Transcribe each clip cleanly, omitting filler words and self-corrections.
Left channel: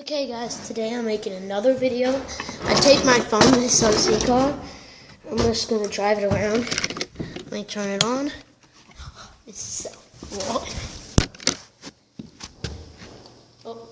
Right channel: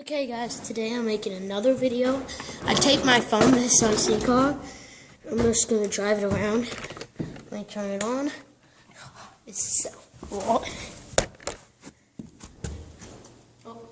Okay guys, today I'm making another video. I take my phone to the Sunseeker car. I'm just going to drive it around. Let me turn it on. It's so cool. Oh.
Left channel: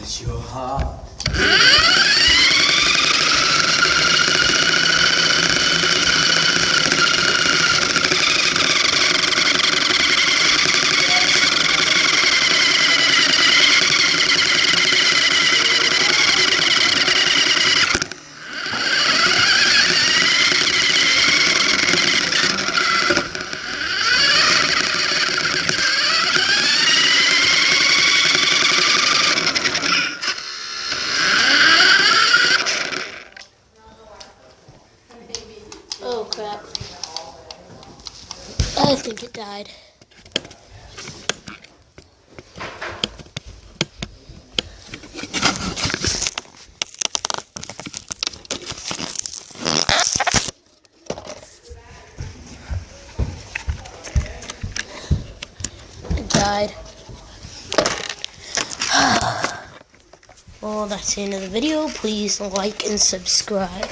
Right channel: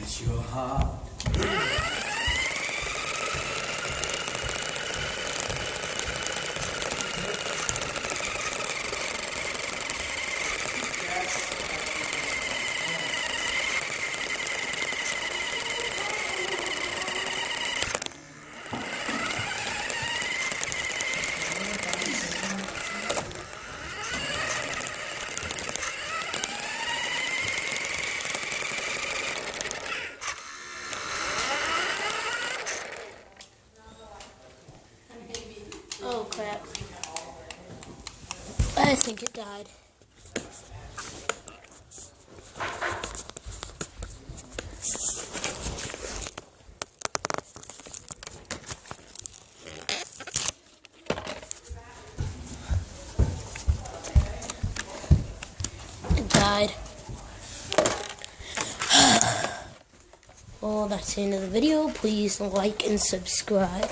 It's your heart. Oh crap. I think it died. It died. Well, that's the end of the video. Please like and subscribe.